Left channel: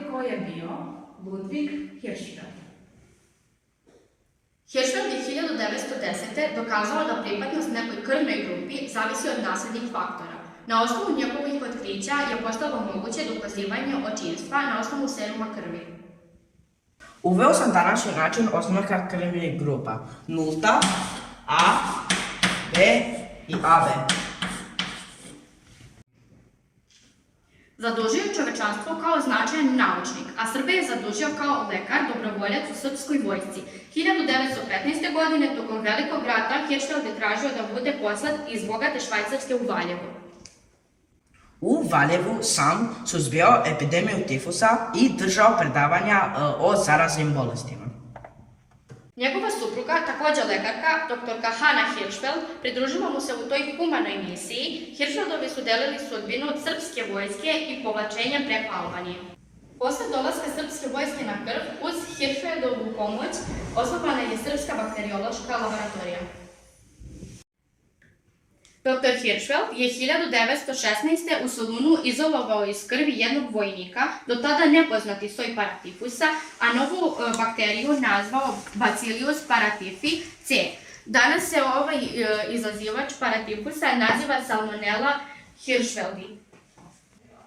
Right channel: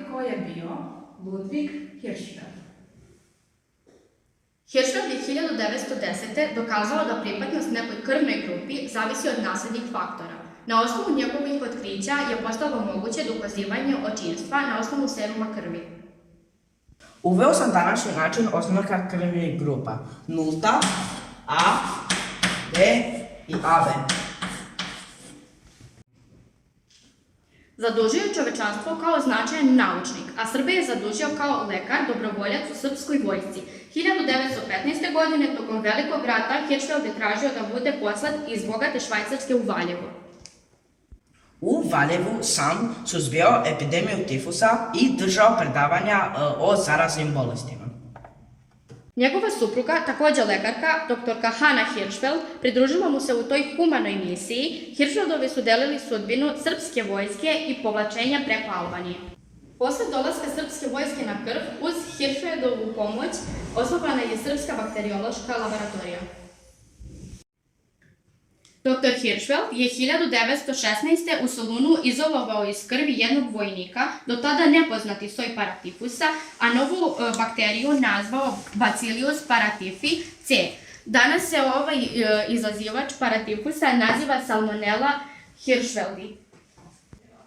znate ko je bio Ludwig Hirschfeld? Hirschfeld je 1910. dokazao da pripadnost nekoj krvnoj grupi zavisi od naslednih faktora. Na osnovu njegovih otkrića je postalo moguće dokazivanje očinstva na osnovu seruma krvi. Uveo sam današnji način oznaka krvnih grupa: nulta, A, B i AB. Zadužio je čovečanstvo kao značajan naučnik, a Srbe je zadužio kao lekar, dobrovoljac u srpskoj vojsci. 1915. godine, tokom Velikog rata, Hirschfeld je tražio da bude poslat iz bogate Švajcarske u Valjevo. U Valjevu sam suzbijao epidemiju tifusa i držao predavanja o zaraznim bolestima. Njegova supruga, također lekarka, doktorka Hanna Hirschfeld, pridružila mu se u toj humanoj misiji. Hirschfeldovi su delili sudbinu srpske vojske i povlačenja preko Albanije. Posle dolaska srpske vojske na Krf, uz Hirschfeldovu pomoć, osnovana je Srpska bakteriološka laboratorija. Dr. Hirschfeld je 1916. u Solunu izolovao iz krvi jednog vojnika, do tada nepoznati soj paratifusa, a novu bakteriju nazvao Bacillus paratifi C. Danas se ovaj izazivač paratifusa naziva Salmonella hirschfeldi.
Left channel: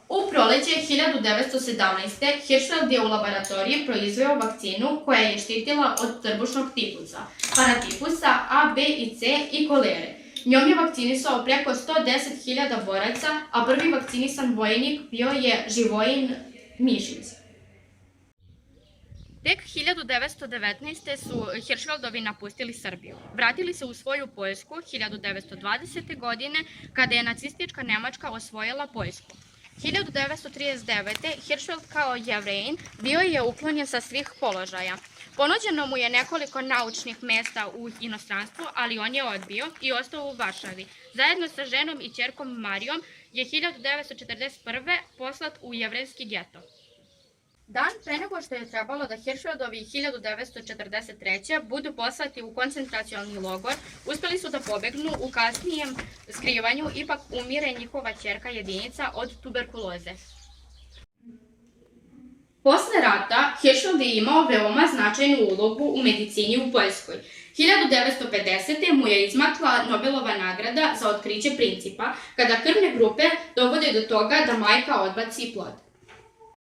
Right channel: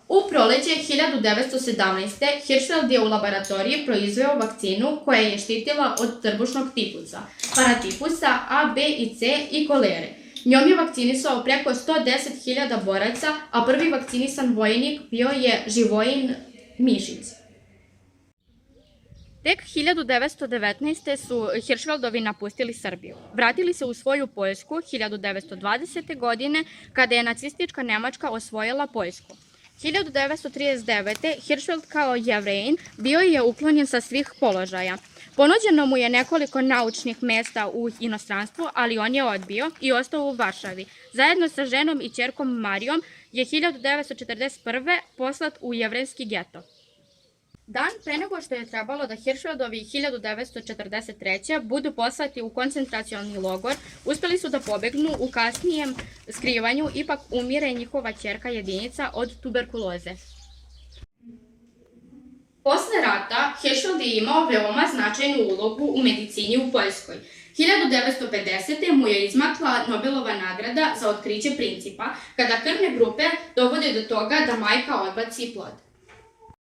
U proleće 1917. Hirschfeld je u laboratoriji proizveo vakcinu koja je štitila od trbušnog tifusa, paratifusa A, B i C i kolere. Njom je vakcinisao preko 110.000 boraca, a prvi vakcinisan vojnik bio je Živojin Mišić. Tek 1919. su Hirschfeldovi napustili Srbiju. Vratili se u svoju Poljsku 1920. godine, kada je nacistička Nemačka osvojila Poljsku. 1939. Hirschfeld kao Jevrejin bio je uklonjen sa svih položaja. Ponuđeno mu je nekoliko naučnih mesta u inostranstvu, ali on je odbio i ostao u Varšavi. Zajedno sa ženom i ćerkom Marijom je 1941. poslat u jevrejski geto. Dan pre nego što je trebalo da Hirschfeldovi 1943. budu poslati u koncentracioni logor, uspeli su da pobegnu. U kasnijem skrivanju ipak umire njihova ćerka Jedinica od tuberkuloze. Posle rata, Hirschfeld je imao veoma značajnu ulogu u medicini u Poljskoj. 1950. mu je izmakla Nobelova nagrada za otkriće principa, kada krvne grupe dovode do toga da majka odbaci plod.